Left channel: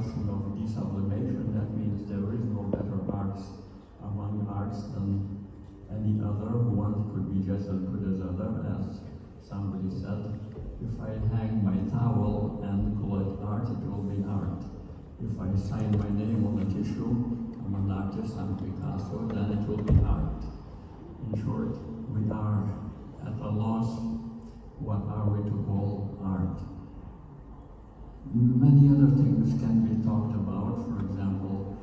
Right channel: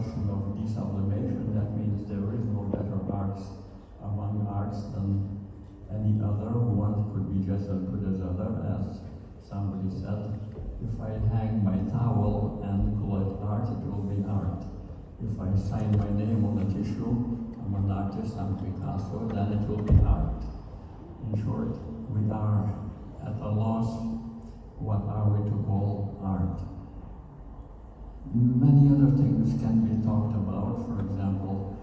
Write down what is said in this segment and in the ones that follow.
question of desublimation. That means there is no better arts among arts than any other. One could be just as good as other, as somebody said. If I hang my towel and call it art, it will be art. If I sign my name on a tissue, I'm an artist, I'm Picasso, then it will be art. In short, we are at a loss. What are we to call art? Many other things can be talked about. For example,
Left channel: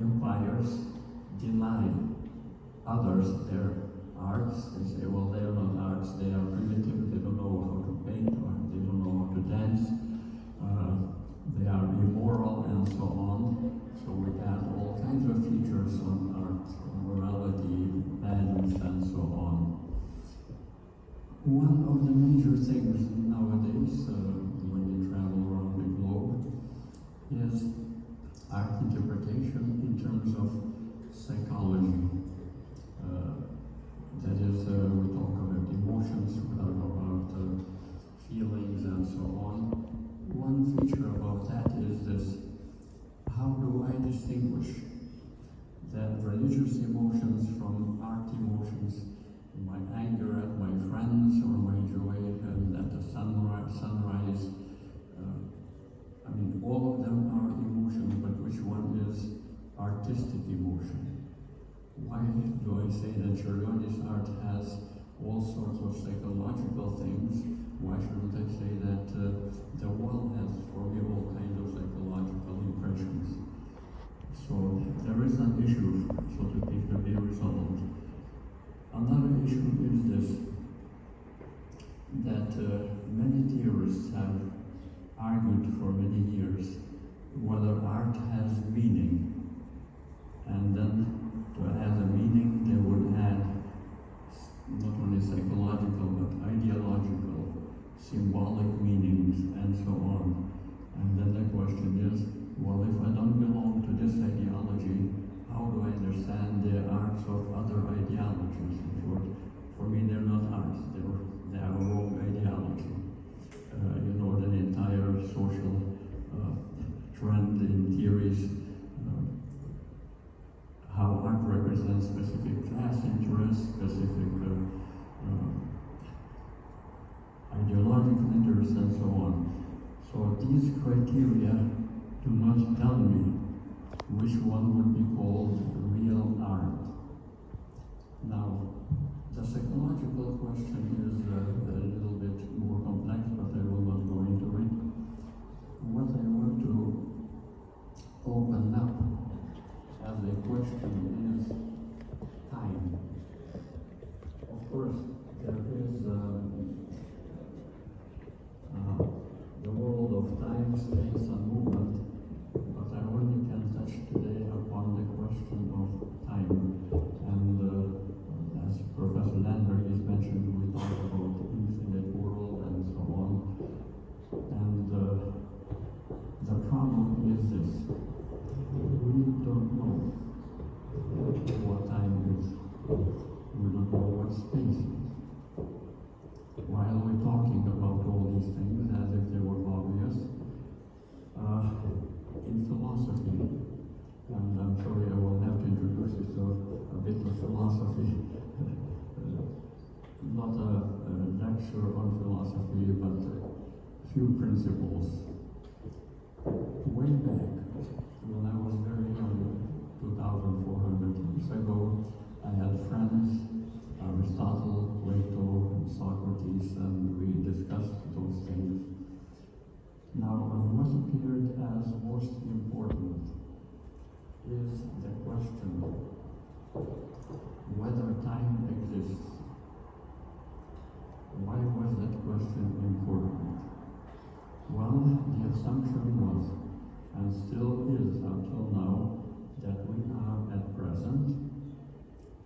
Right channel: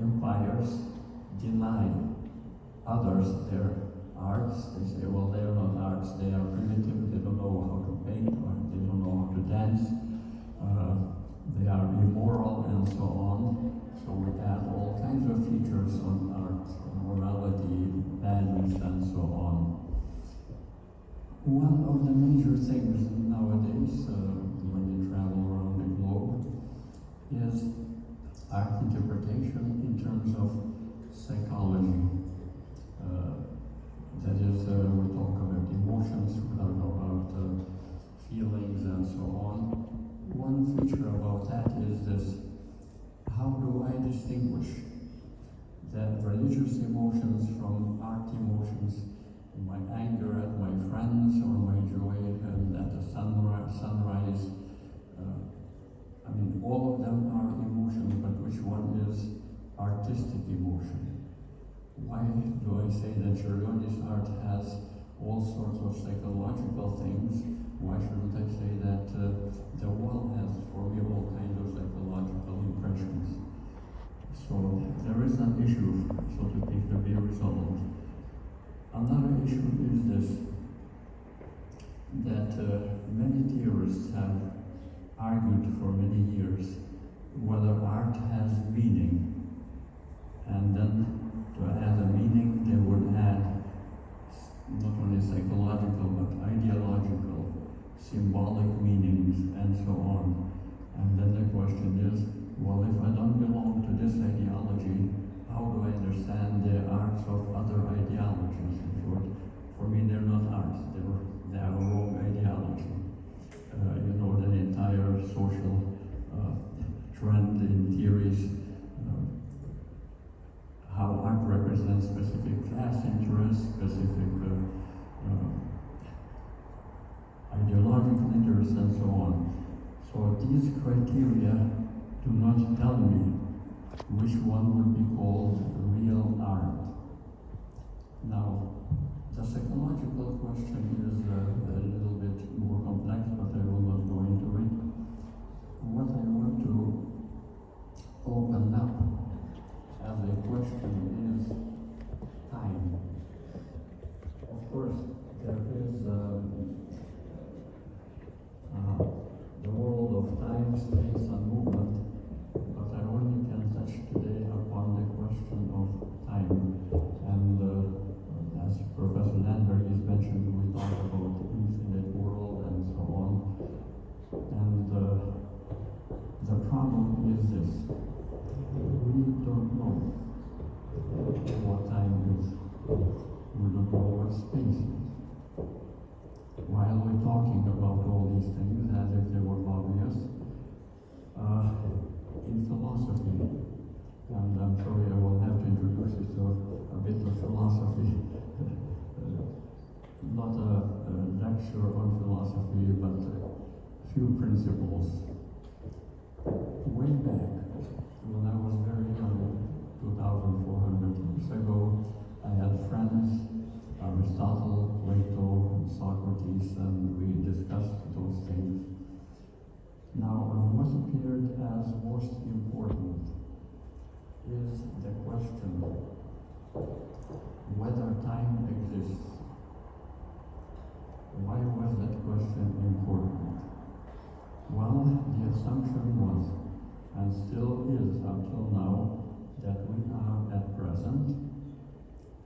empires deny others their arts. They say, well, they are not arts, they are primitive, they don't know how to paint, or they don't know how to dance, they are immoral, and so on. So we add all kinds of features on art, morality, values, and so on. One of the major things nowadays, when you travel around the globe, is art interpretation in terms of psychology. That is, we talk about emotions, we talk about feelings, and so on. One feature about that is this: how do I distinguish the religious emotions from art emotions? My anger at my friends, or my joy at the sunrise. I mean, all of them are emotions, but which one is artistic emotion? Why do I say that Čiurlionis art has all sorts of psychological things? Why shouldn't I say that the wall has, for me, all kinds of psychological impressions? So there is an issue, so to speak, to be resolved. Another issue is this, that many theorists have argued for many years whether art has meaning, and then to add a meaning they would add not only psychological but ideological, symbolic meanings, and so on. And then the question is, well, if I don't belong to this ideology, how do I understand the arts of other ideologies? In short, for me, they're not arts, they are wrong ideology. You know, the entire social trend in theories, how art represents specific class interests, specific ideological interests, and so on. So these criteria do not tell me which one would be called real art. Now, the psychological question is a little bit more complex, but I will not go into it. What I want to open up as a question is time. Of course, there is the world of time, space, and movement, but I only can touch today upon the question of time. And as Professor Landberg has mentioned, we talk about the infinite world and so on. And the problem is this: we don't know what time is. We don't know what space is. While we're talking about all these things as if they were obvious, in philosophy, and I'm sorry I will have to introduce you to a bit of philosophy, not a lecture on philosophy, but a few principles. Way back, when I was very young, 2,400 years ago, I had friends, Aristotle, Plato, and Socrates, and we discussed those things. Now, what appeared as most important is the question whether time exists. Why was that question important? Well, the assumption was, and still is until now, that we are at present,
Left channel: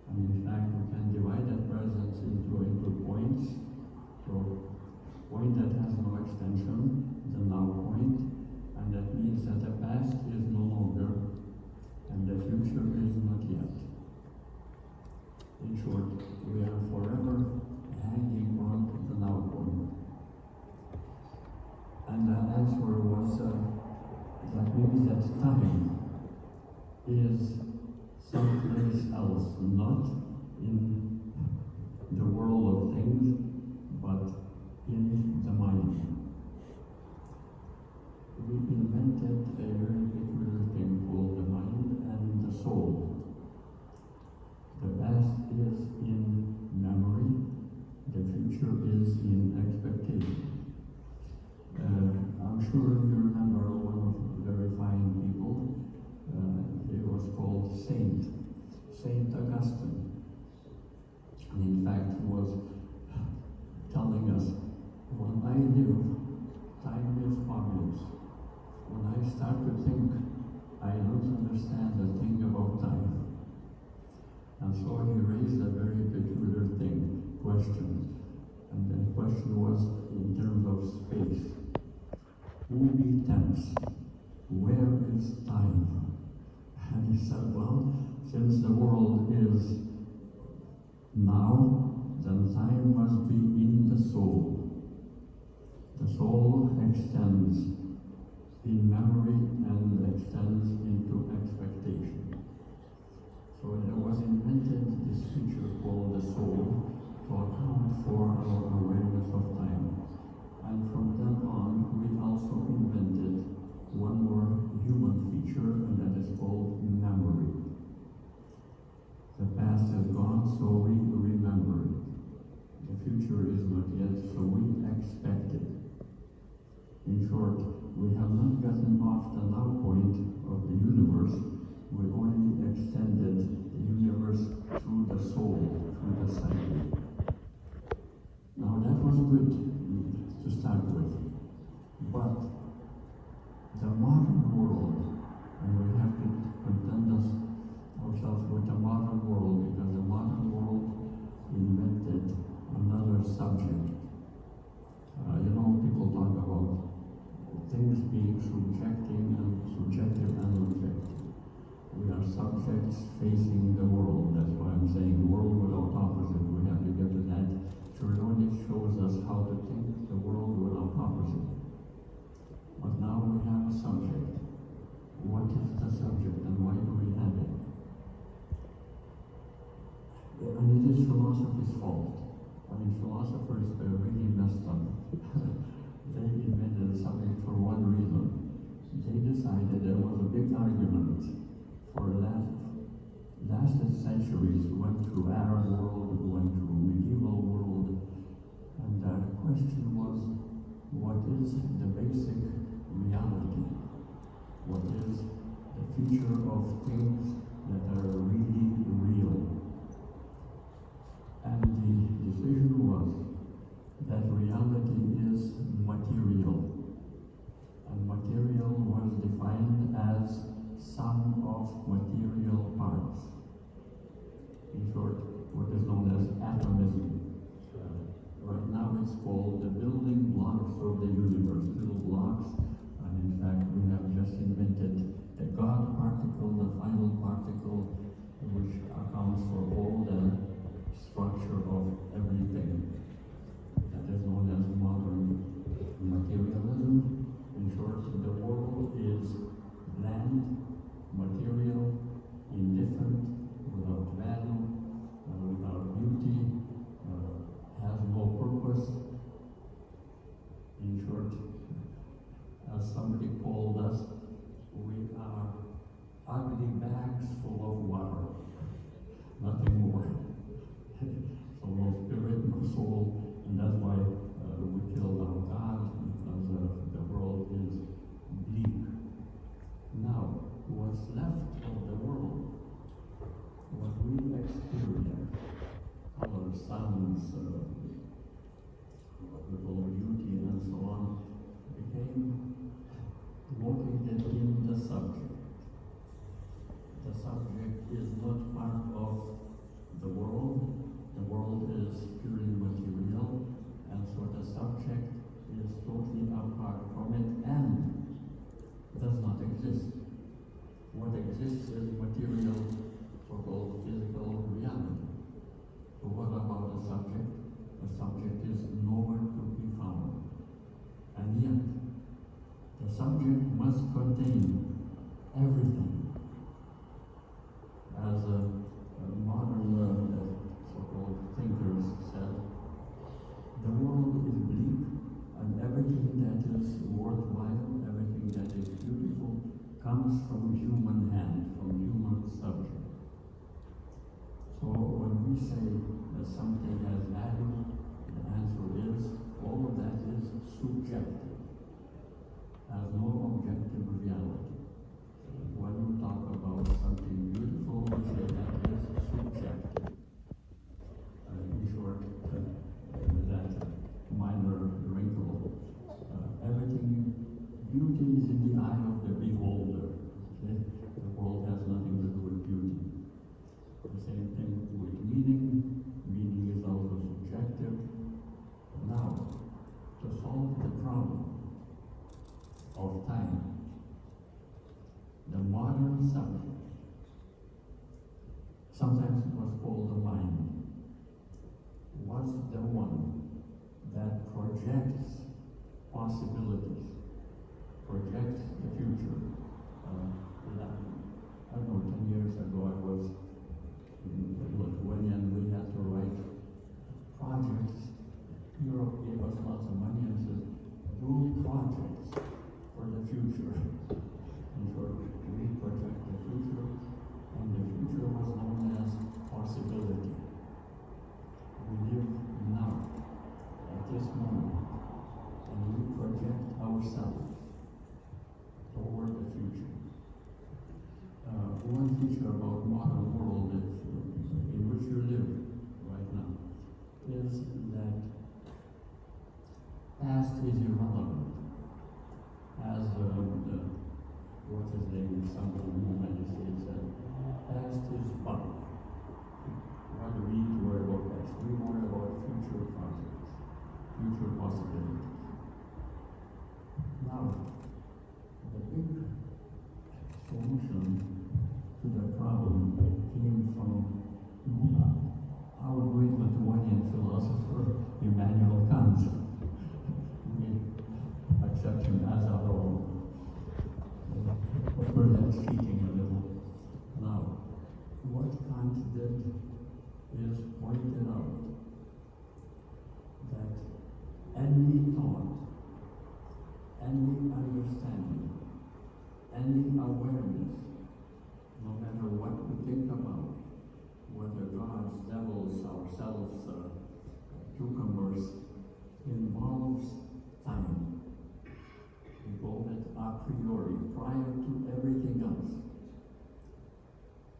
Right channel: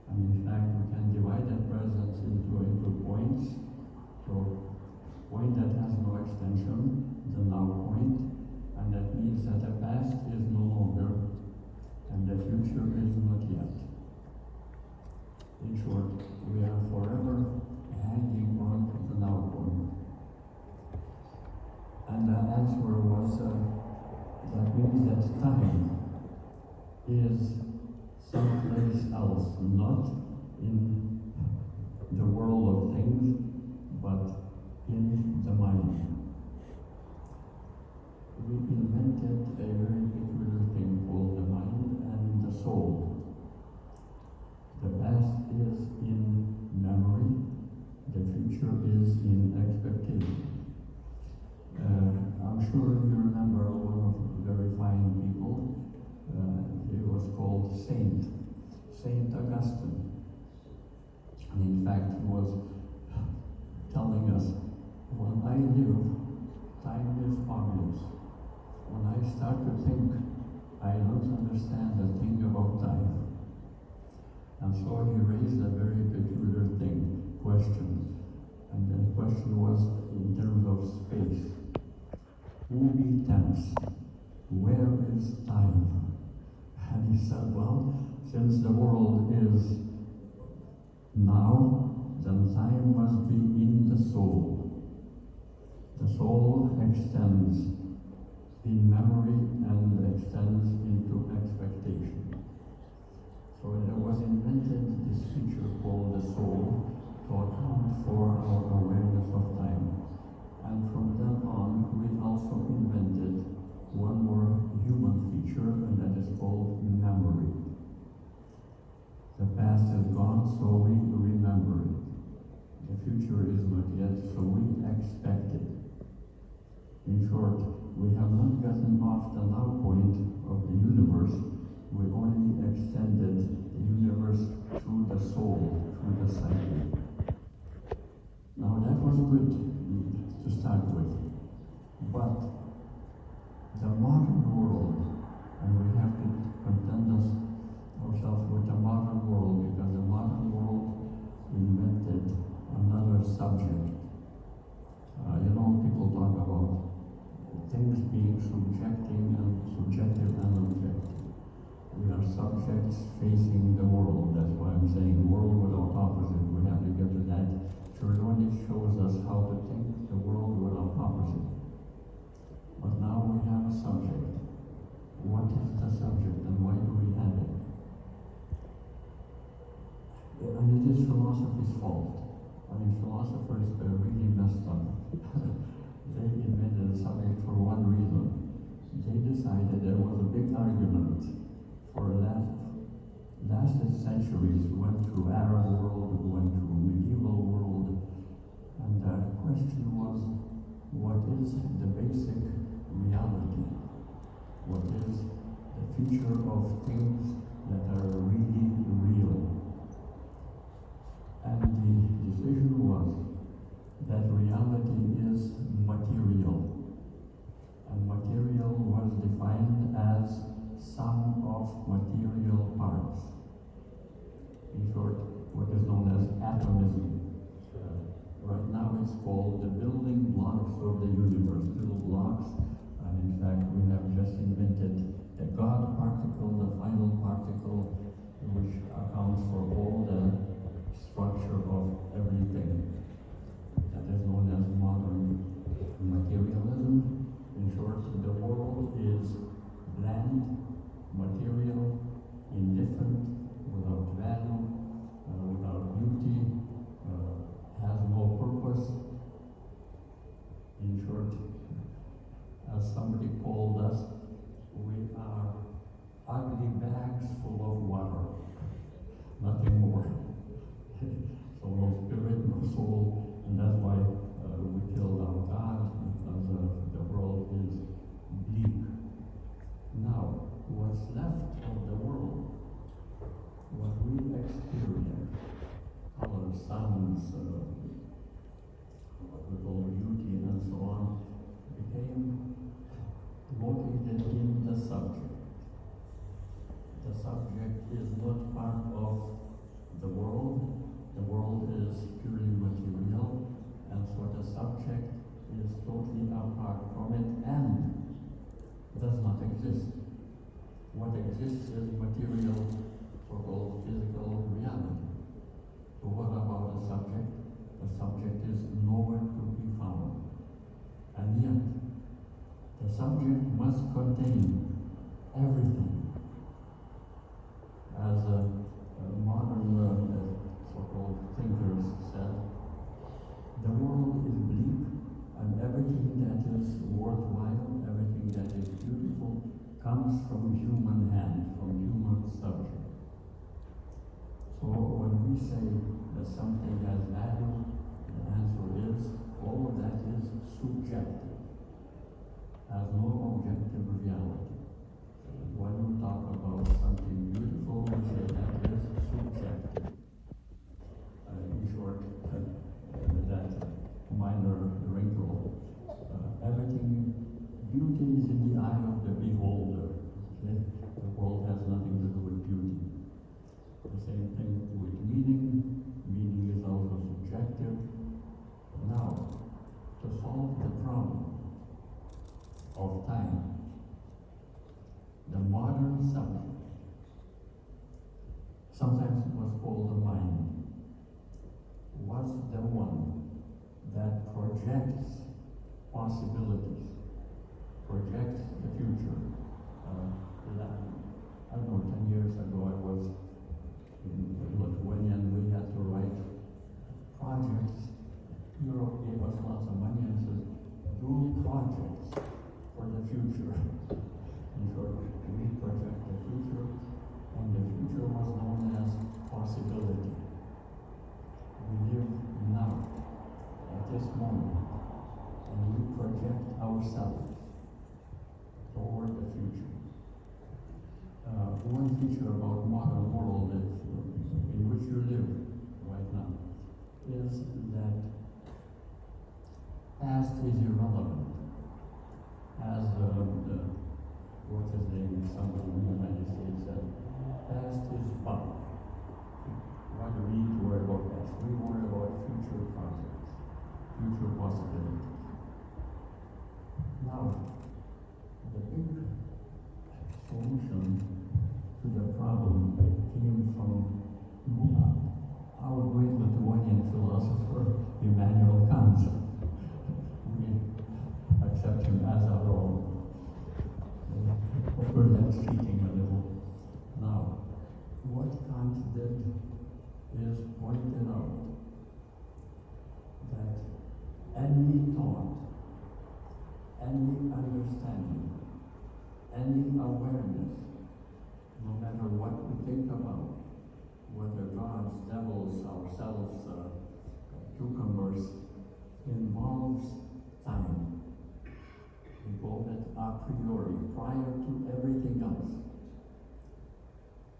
and in fact we can divide that present into points. So, point that has no extension, the now point, and that means that the past is no longer, and the future is not yet. In short, we are forever hanging on the now point. And the answer was, that means someplace else, not in the world of things, but in the mind. We invented a very peculiar thing called the mind and the soul. The past is in memory, the future is in expectation. I'm sure you remember one of the very fine people. It was called Saint Augustine. And in fact, he was telling us, when I live, time is obvious. When I start to think, I don't understand a thing about time. And so he raised a very peculiar question. And the question was in terms of space. Who be temps? Where is time? And he said, well, since the world is now, then time must be in the soul. The soul extends in memory and extends into expectation. So there was invented this feature called the soul to account for our awareness of time. And from then on, we also invented one more human feature, and that is called memory. The past is gone, so we remember it. The future is not yet, so we expect it. In short, we have not gotten off the now point of the universe. We only extended the universe through the soul, through the psyche. Now that was good to start with. But the modern world, and we have to content ourselves with the modern world, because the modern world invented another subject. People talk about things being subjective and objective. We are subjects facing the world. That's why I'm saying world without opposite. We have to get to that. Čiurlioniui shows us how to think the world without opposite. But now we have a subject. What is the subject and why do we have it? And it is philosophy's fault. Philosophers really messed up. They invented a subject for one reason. They decided there was a big argument for the last centuries. Went through Arab world, went through medieval world, and the question was, what is the basic reality? What is the feature of things that are really real? And the decision was that reality is material. And material was defined as sum of material parts. In short, what is known as atomism. Right now it's called the building blocks of the universe, little blocks. And in fact, we have just invented the God particle, the final particle, which accounts for all the structure of everything. That is known as modern materialism. In short, the world is bland, material, indifferent, without value, without beauty, has no purpose. In short, as somebody called us, we are ugly bags full of water, nothing more. So no spirit, no soul, and that's why we killed our God, because the world is bleak. Now, what's left of the world, what we experience, color, sounds, with all beauty and so on, became located in the subject. The subject is not part of the world. The world is purely material, and so the subject is totally apart from it and does not exist. What exists is material, so-called physical reality. So what about the subject? The subject is nowhere to be found. And yet, the subject must contain everything. As modern so-called thinkers said, the world is bleak, and everything that is worthwhile, everything that is beautiful, comes from human hand, from human subject. So when we say that something has value, the answer is all of that is subjective, has no objective reality. When we talk about something beautiful, we say that is subjective. In short, that minor wrinkle, everything, beauty is in the eye of the beholder. Okay? The world has nothing to do with beauty. The same thing with meaning. Meaning is also subjective. Now, to solve the problem of time, the modern subject, sometimes it was called the mind, was the one that projects possibilities, projects the future. I don't know, 10 years ago I was in Lithuania and we had to write projects. Europe gave us lots of money and said, do projects for the future. In short, we project the future, and the future was known as possibility. We live now, at this moment, and we project ourselves toward the future. One feature about modern world in which you live right now is that past is irrelevant. As what's his name, somebody in the United States said, past is bunk. Rather we need to worry about past. We worry about future concepts, future possibilities. Now, the big solution to the problem came from our great Lithuanian philosopher, Immanuel Kant. We accept him as our own. We're then cheating a little. Now, what Kant did is pointed out that any thought, any understanding, any awareness, no matter what we think about, whether gods, devils, ourselves, cucumbers, involves time. We call it a priori, prior to everything else.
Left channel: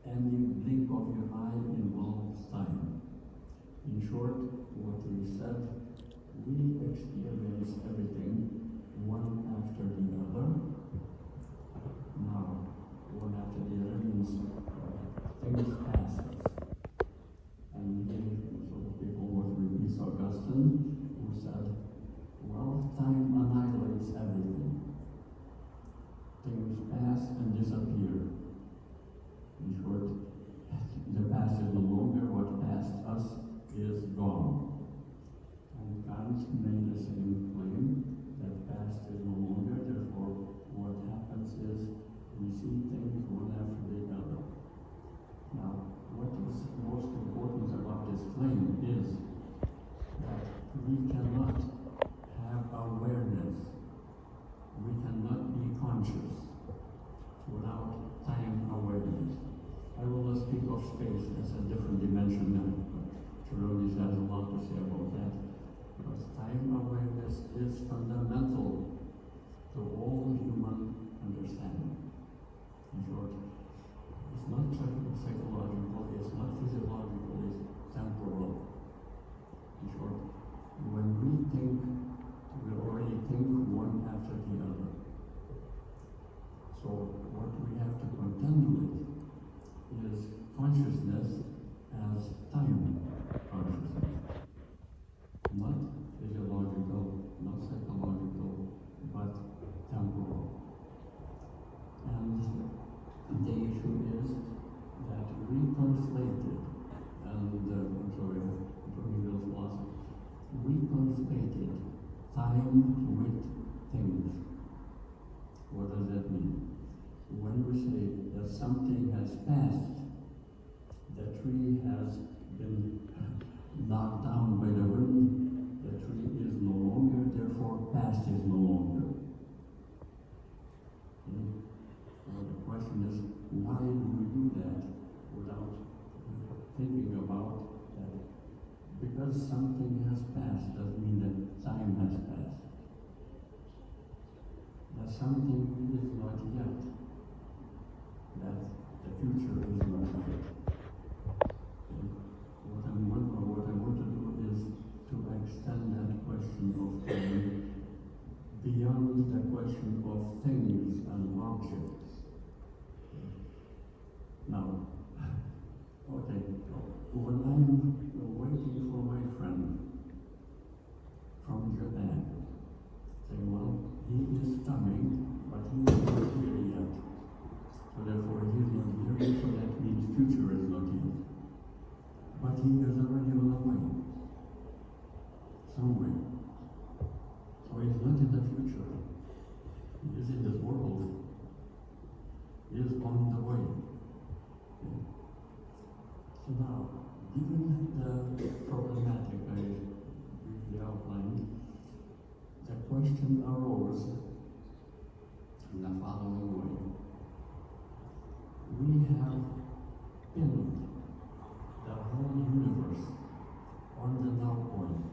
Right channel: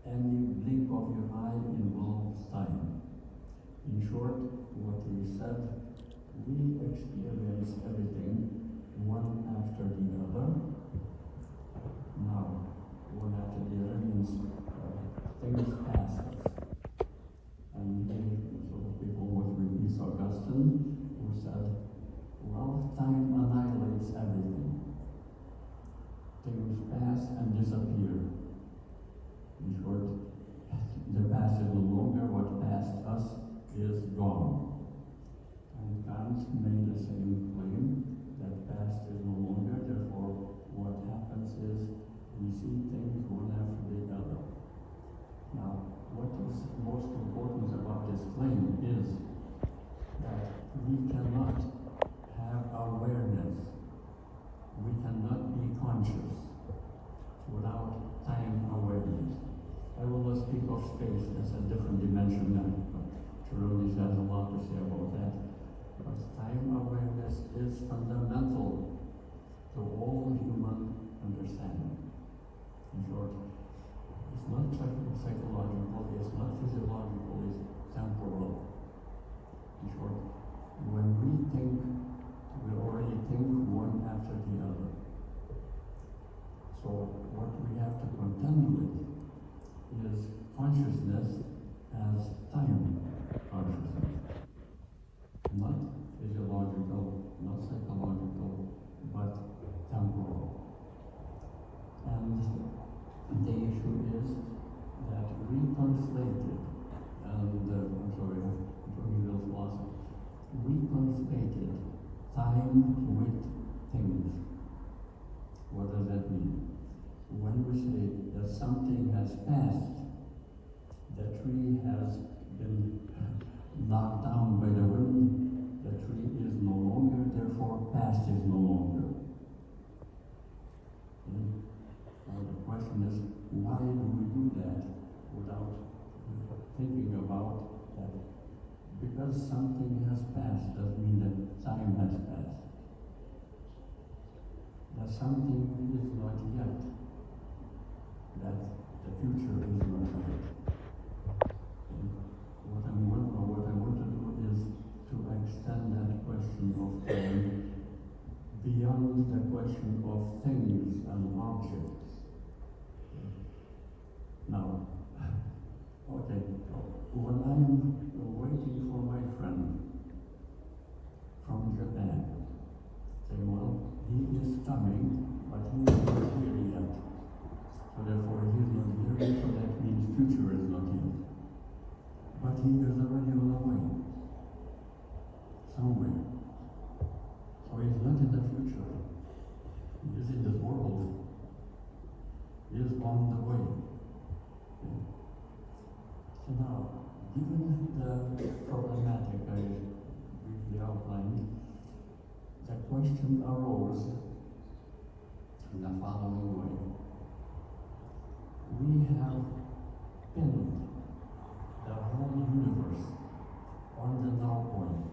Any blink of your eye involves time. In short, what he said, we experience everything one after the other. Now, one after the other means things pass us. And so people was with Augustine, who said, well, time annihilates everything. Things pass and disappear. In short, the past is no longer, what passed us is gone. And Kant made the same claim, that past is no longer, therefore what happens is we see things one after the other. Now, what is most important about this claim is that we cannot have awareness, we cannot be conscious without time awareness. I will not speak of space, that's a different dimension now. Čiurlionis has a lot to say about that. But time awareness is fundamental to all human understanding. In short, it's not psychological, it's not physiological, it's temporal. In short, when we think, we already think one after the other. So what we have to contend with is consciousness as time consciousness. Not physiological, not psychological, but temporal. And the issue is that we conflated, and I'm sorry, Johnnyville's philosophy, we conflated time with things. What does that mean? When we say that something has passed, the tree has been knocked down by the wind, the tree is no longer, therefore past is no longer. So the question is, why do we do that without thinking about that? Because something has passed doesn't mean that time has passed. That something is not yet, that the future is not yet. What I want to do is to extend that question of time beyond the question of things and objects. Now, okay, when I'm waiting for my friend from Japan, say, well, he is coming, but he is not here yet. So therefore, he is not here, so that means future is not here. But he is already on the way, somewhere. So he's not in the future. He is in this world. He is on the way. Okay. So now, given the problematic I briefly outlined, the question arose in the following way. We have pinned the whole universe on the now point,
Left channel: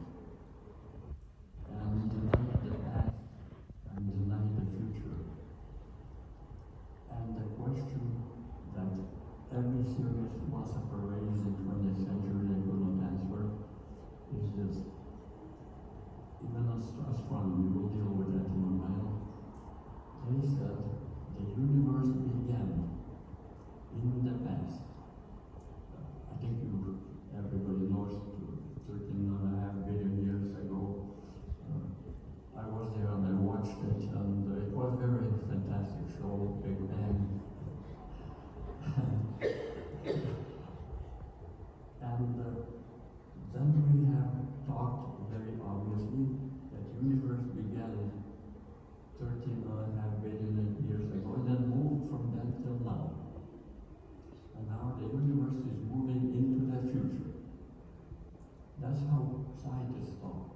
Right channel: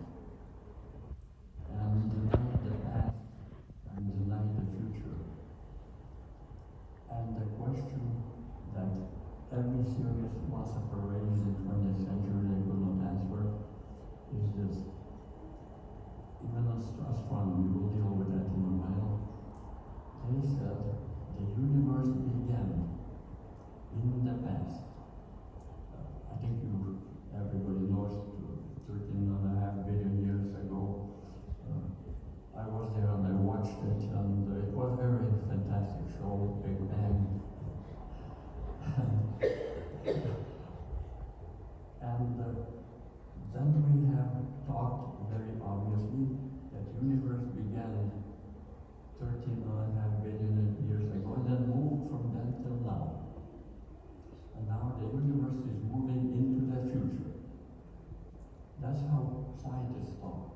and deny the past and deny the future. And the question that every serious philosopher raised in the 20th century and could not answer is this. Even astronomy, will deal with that in a while. They said the universe began in the past. I think everybody knows 13.5 billion years ago. I was there and I watched it, and it was a very fantastic show, Big Bang. And then we have talked very obviously that the universe began 13.5 billion years ago and then moved from that till now. And now the universe is moving into the future. That's how scientists talk.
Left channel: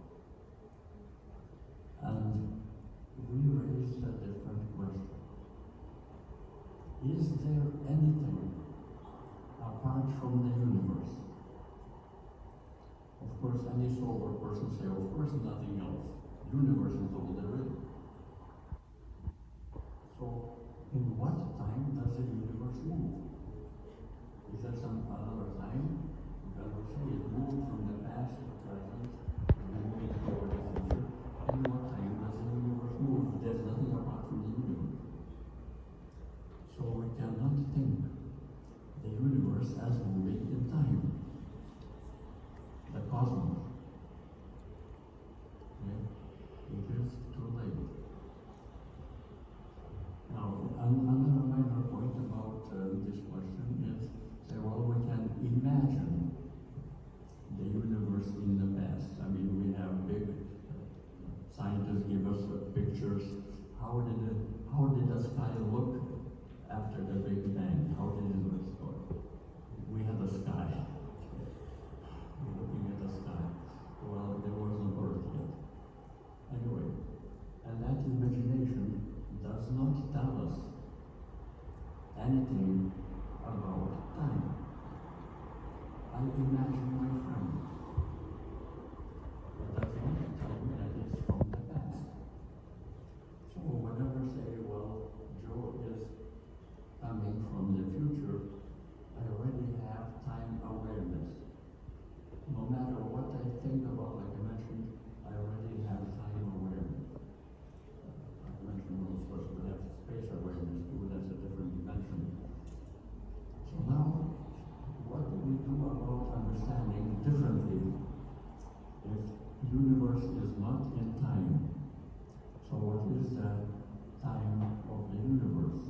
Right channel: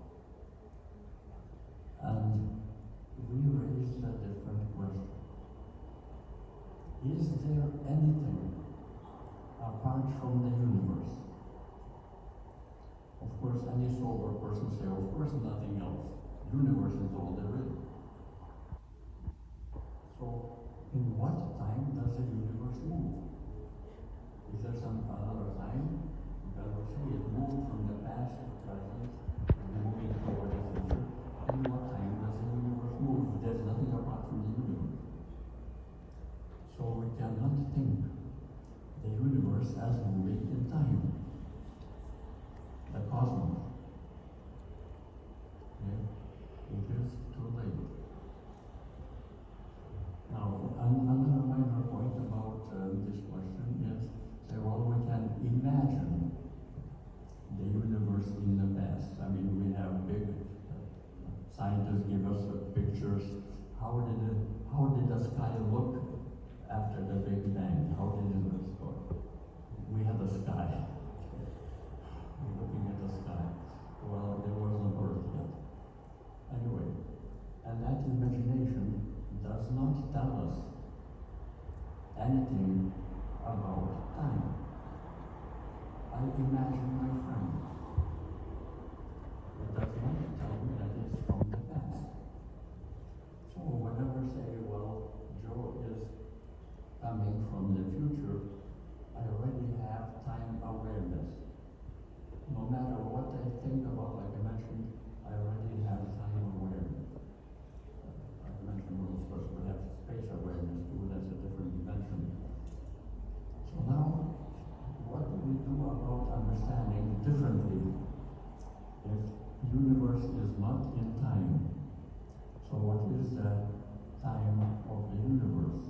And we raised a different question. Is there anything apart from the universe? Of course, any sober person say, of course, nothing else. Universe is all there is. So, in what time does the universe move? Is there some other time? Because we say it moved from the past to the present, and moving toward the future. In what time does the universe move? There's nothing apart from the universe. So we cannot think the universe as moving in time. The cosmos. Okay? It is too late. Now, another minor point about this question is, say, well, we can imagine the universe in the past. I mean, we have big scientists give us pictures. How did the sky look after the Big Bang? How did it look? We have the sky. We're looking at the sky. Well, there was no Earth yet. Anyway, and that imagination does not tell us anything about time. I imagine my friend. It does not tell me that it's from the past. So whenever I say, well, Joe is coming from the future, I already have time awareness. No matter what I think about, like I mentioned, I already have time awareness. Like I mentioned, well, of course, we have space awareness too, that's a different dimension. So now, what do we do about understanding differently if the universe is not in time? So what is the time of the universe?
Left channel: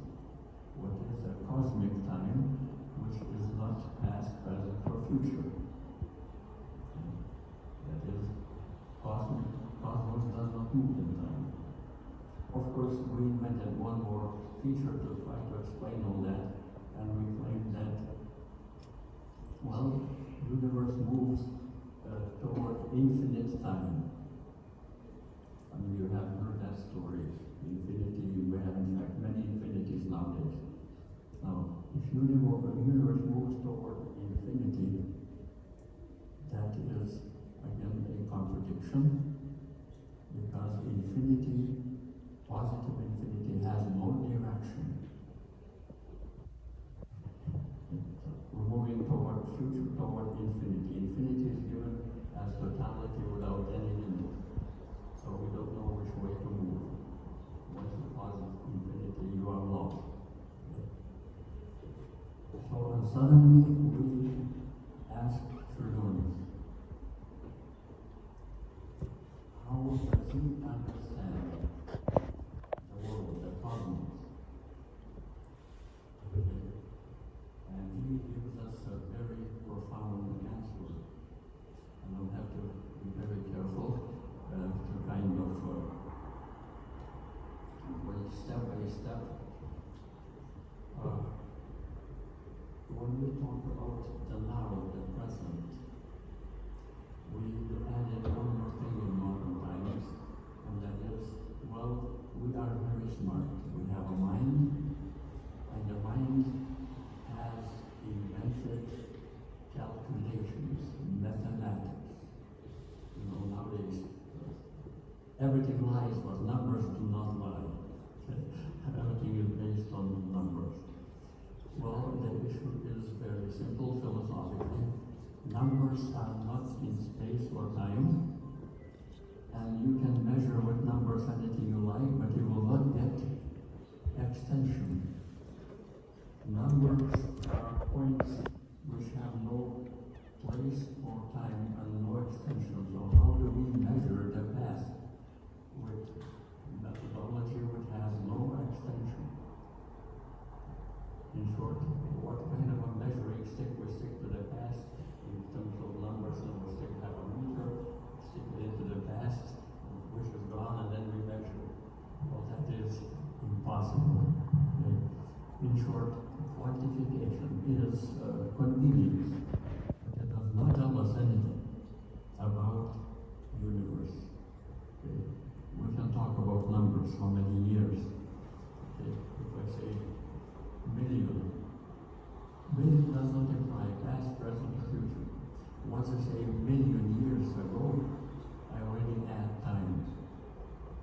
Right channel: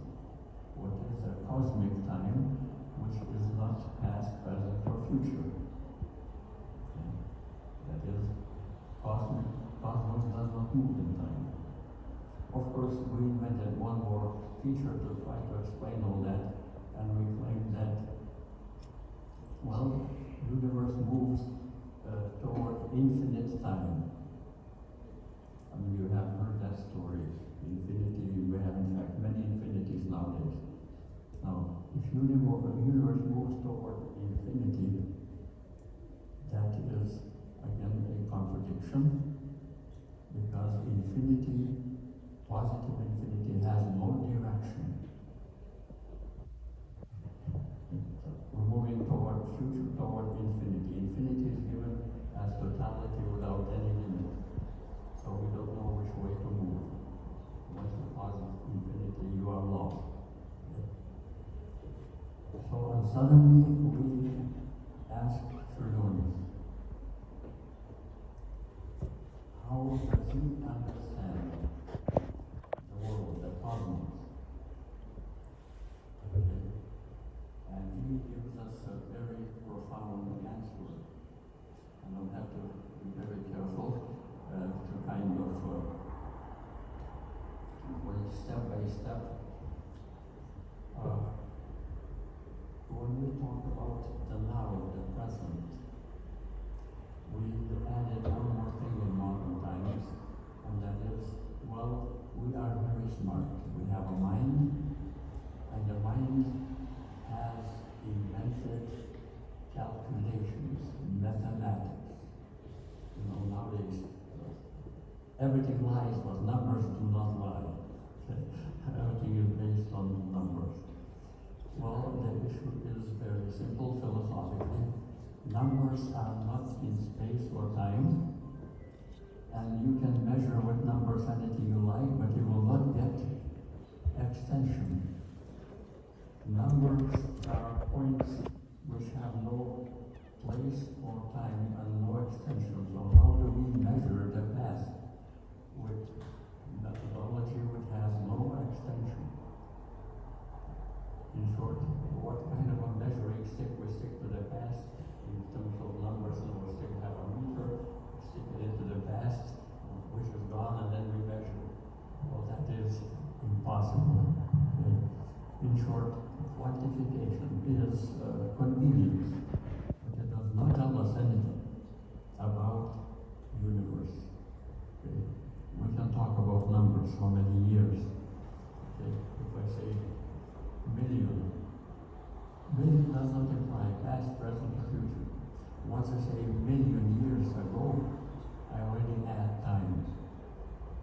What is the cosmic time, which is not past, present, or future? Okay. That is, cosmos does not move in time. Of course, we invented one more feature to try to explain all that, and we claim that Well, the universe moves toward infinite time. I mean, you have heard that story. Infinity, we have in fact many infinities nowadays. Now, if the universe moves toward infinity, that is again a contradiction, because infinity, positive infinity, has no direction. We're moving toward future, toward infinity. Infinity is given as totality without any limit. So we don't know which way to move. Once you posit infinity, you are lost. So suddenly we ask Čiurlioniui, how does he understand the world, the cosmos? And he gives us a very profound answer. And we'll have to be very careful to kind of step by step. When we talk about the now, the present, we added one more thing in modern times, and that is, well, we are very smart. We have a mind, and the mind has invented calculations, mathematics. You know, nowadays, everything lies, but numbers do not lie. Everything is based on numbers. Well, the issue is very simple philosophically. Numbers are not in space or time, and you can measure with numbers anything you like, but you will not get extension. Numbers are points which have no place or time and no extension. So how do we measure the past with methodology which has no extension? In short, what kind of a measuring stick? We stick to the past in terms of numbers, and we'll stick at a meter, stick it into the past, which is gone, and then we measure. Well, that is impossible. Okay? In short, quantification is convenient, but it does not tell us anything about the universe. Okay? We can talk about numbers, how many years. Okay? If I say million does not imply past, present, or future. Once I say million years ago, I already add time,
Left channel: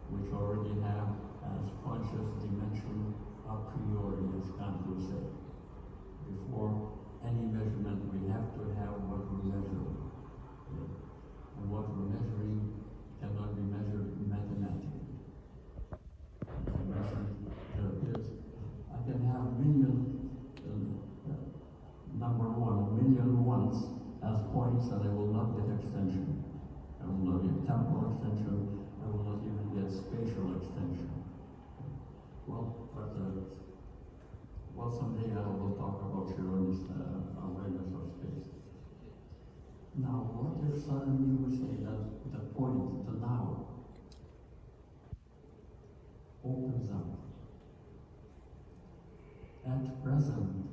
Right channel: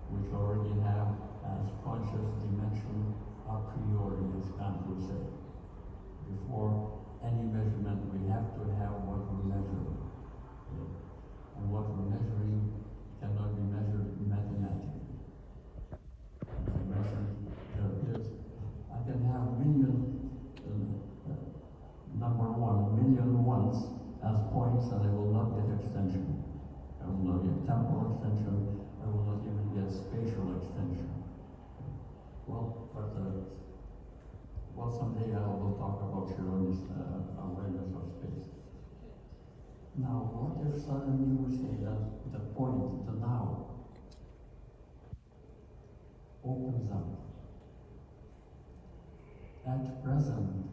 which already have as conscious dimension a priori, as Kant would say. Before any measurement, we have to have what we measure. Okay? And what we're measuring cannot be measured mathematically. As I mentioned, I can have million ones as points, and I will not get extension. I will not get temporal extension. I will not even get spatial extension. Well, but someday I will talk about Čiurlionis' awareness of space. Now, what if suddenly we say that the point, the now, opens up? At present,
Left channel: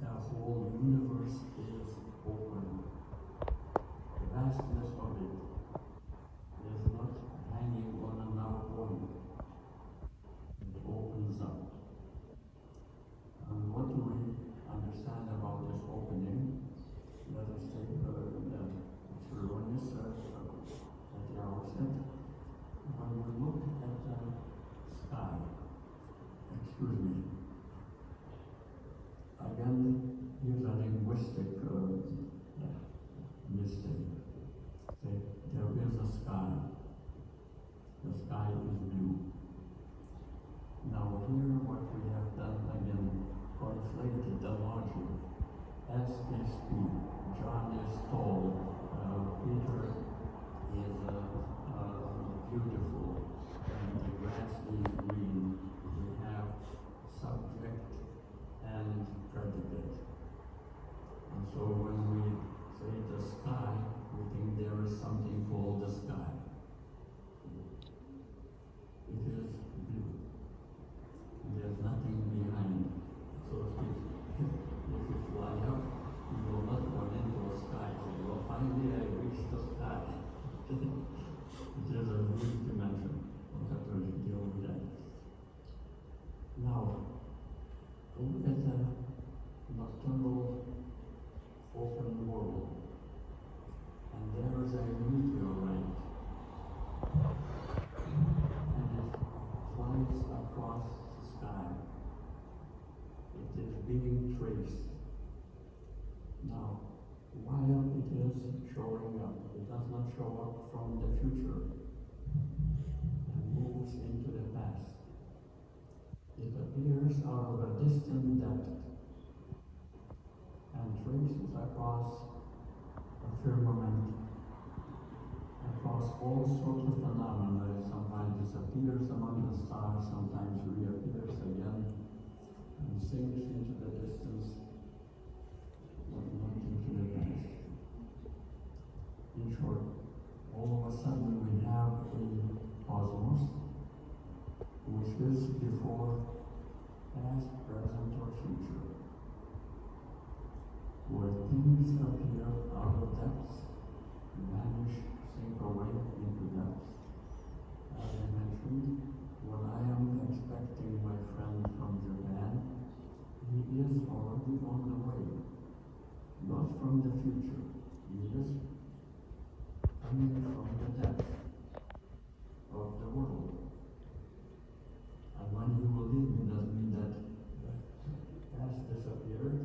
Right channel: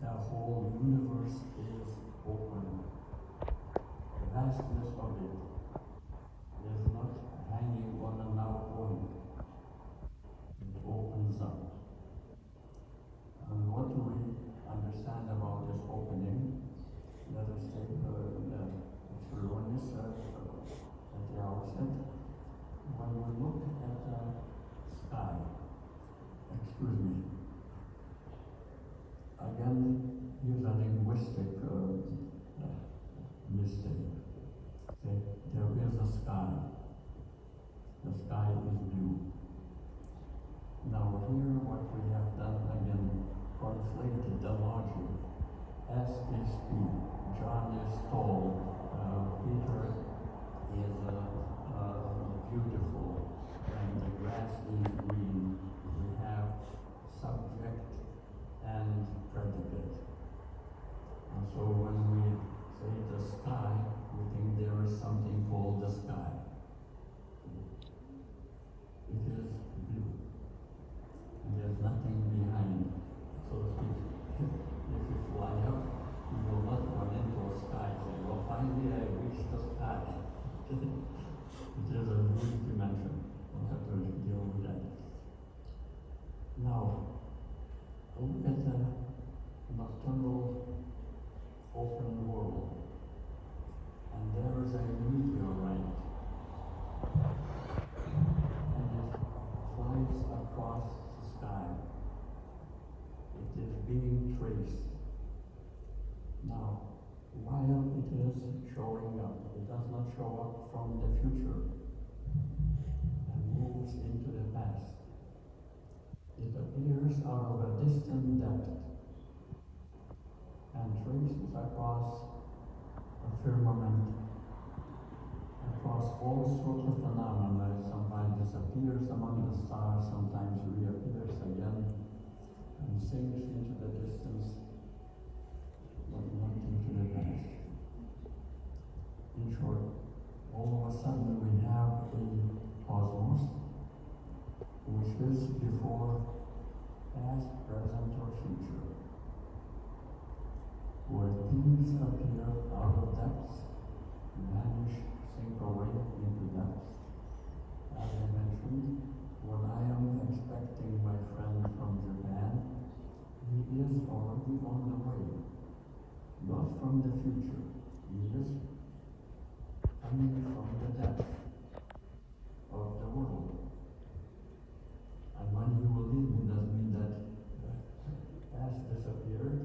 the whole universe is open. The vastness of it is not hanging on a now point. It opens up. And what do we understand about this opening? Let us take Čiurlionis at the outset. When we look at the sky, again, here's a linguistic mistake. Okay? There is a sky. The sky is blue. Now here what we have done, again, conflated the logic. S is 2, John is tall, Peter is beautiful, and the grass is green. We have subject and predicate. And so when we say the sky, we think there is something called the sky. It is blue. And there's nothing behind. So if you fly up, you will not look at the nocturnal open world, and there is a meteorite, and it flies across the sky. It is being traced. Now, while it is showing up, it does not show up from the future and moves into the past. It appears out of a distant depth and traces across a firmament, across all sorts of phenomena. It sometimes disappears among the stars, sometimes reappears again, and sinks into the distance, but not into the past. In short, all of a sudden we have a cosmos which is before, past, present, or future, where things appear out of depths, vanish, sink away into depths. As I mentioned, what I am expecting my friend from Japan, he is already on the way, not from the future. He is coming from the depths of the world. And when he will leave me, doesn't mean that past disappeared.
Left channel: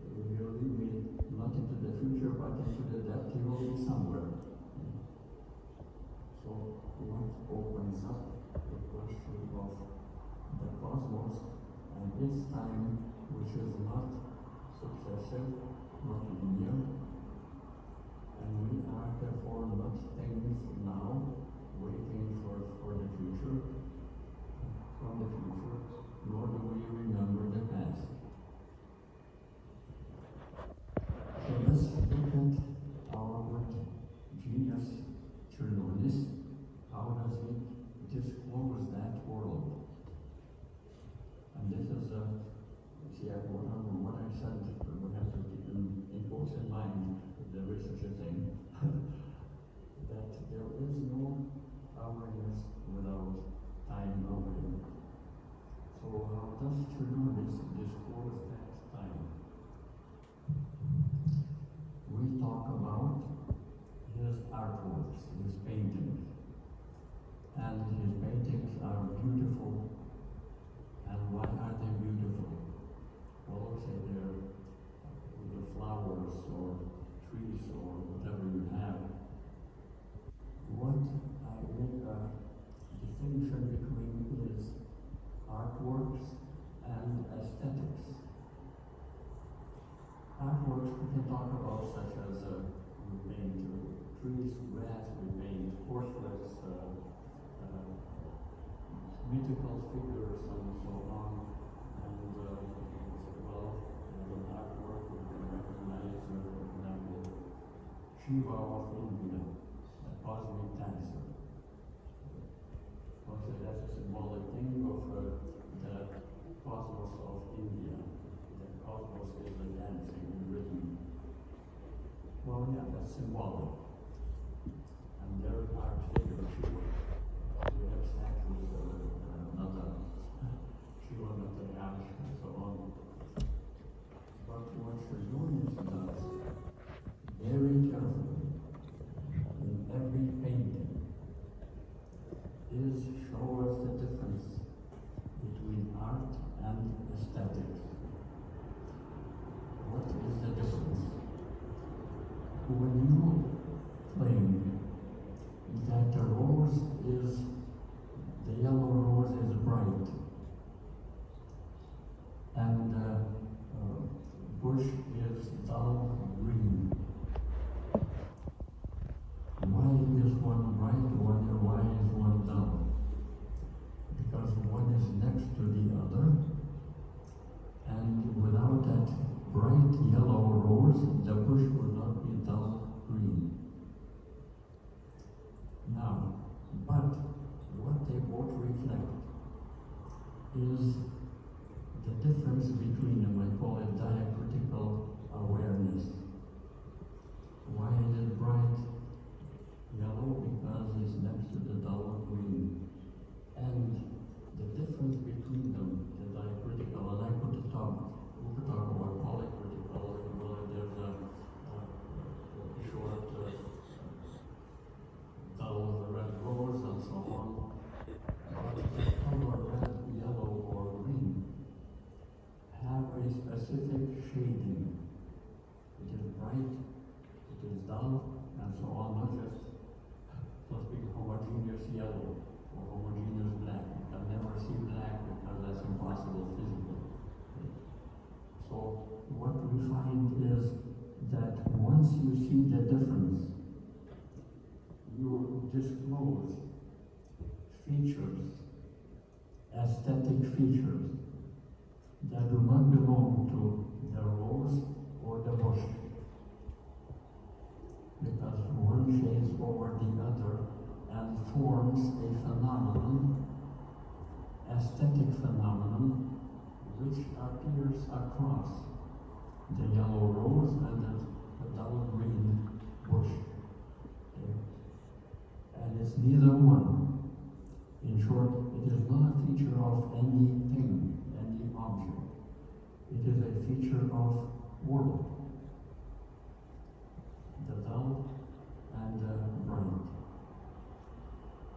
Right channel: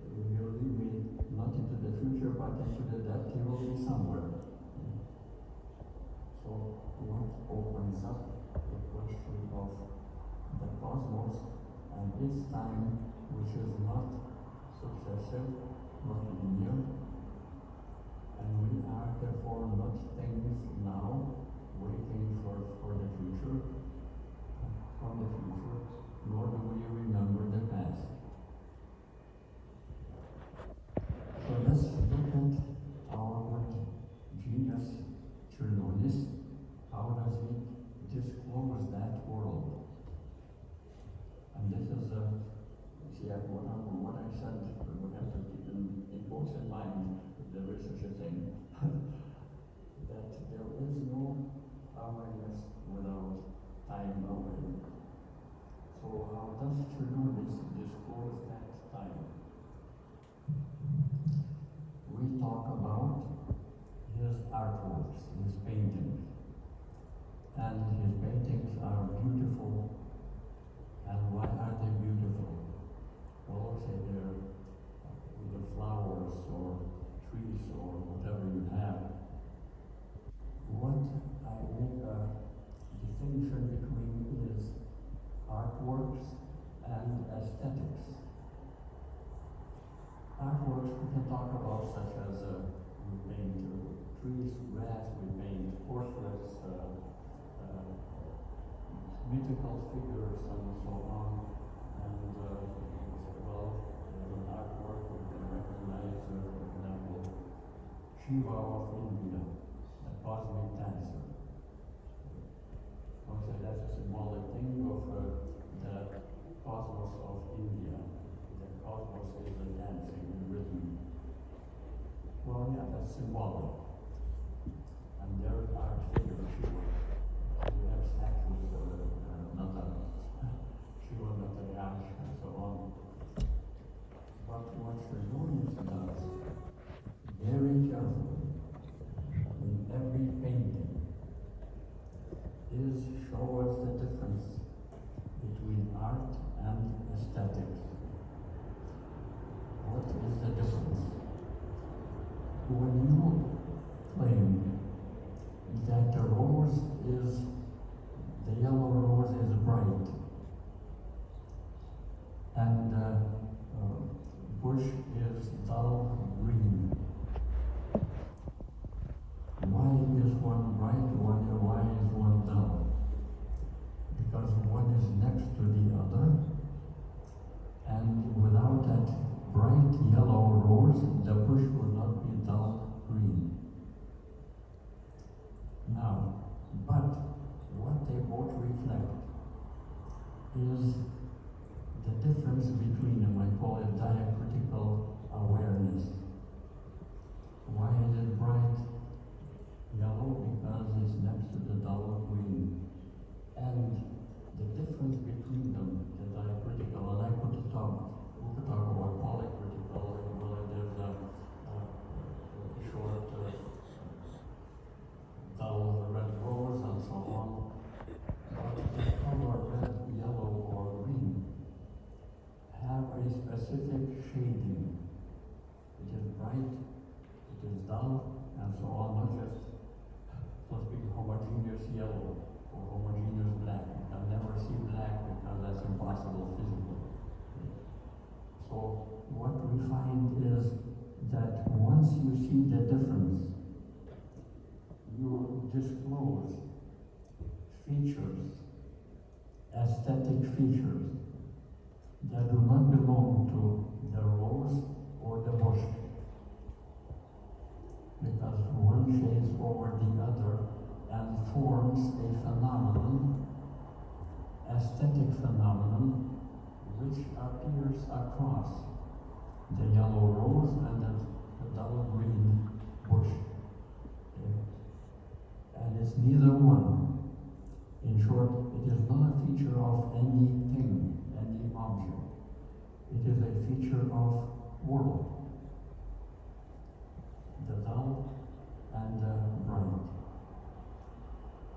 He will leave me not into the future, but into the depth. He will be somewhere. So what opens up the question of the cosmos and its time, which is not successive, not linear, and we are therefore not things now waiting for the future, from the future, nor do we remember the past. So let's look at our good genius, Čiurlionis. How does he disclose that world? And this is what I said, we have to keep in both in mind, there is such a thing, that there is no awareness without time away. So how does Čiurlionis disclose that time? We talk about his artworks, his paintings. And his paintings are beautiful. And why are they beautiful? Well, say they're either flowers or trees or whatever you have. What I make a distinction between is artworks and aesthetics. Artworks we can talk about, such as we paint trees, grass, we paint portraits, mythical figures, and so on. And in artwork we can recognize, for example, Shiva of India, the cosmic dancer. Also, that's a symbolic thing of the cosmos of India. The cosmos is the dancing in rhythm. Well, yeah, that's symbolic. And there are figures, Shiva. We have statues, Shiva, Nataraja, and so on. But what Čiurlionis does, very carefully, in every painting, is show us the difference between art and aesthetics. What is the difference? When you claim that the yellow rose is bright, and the bush is dull green, why is one bright, why is one dull? Because one is next to the other, and without that bright yellow rose, the bush would not be dull green. Now, but what they both reflect is the difference between them. I call it diacritical awareness. Why is it bright yellow? Because it's next to the dull green. And the difference between them, the diacritical, and I put the top specific shading. It is bright, it is dull, and so on, not just, so to speak, homogeneous yellow or homogeneous black. You can never see black because that's impossible physically. So what we find is that once you see the difference, you disclose features, aesthetic features, that do not belong to the rose or the bush. Because one shades over the other and forms a phenomenon, aesthetic phenomenon, which appears across the yellow rose and the dull green bush. Okay? And it's neither one. In short, it is not a feature of anything, any object. It is a feature of world. The dull and the bright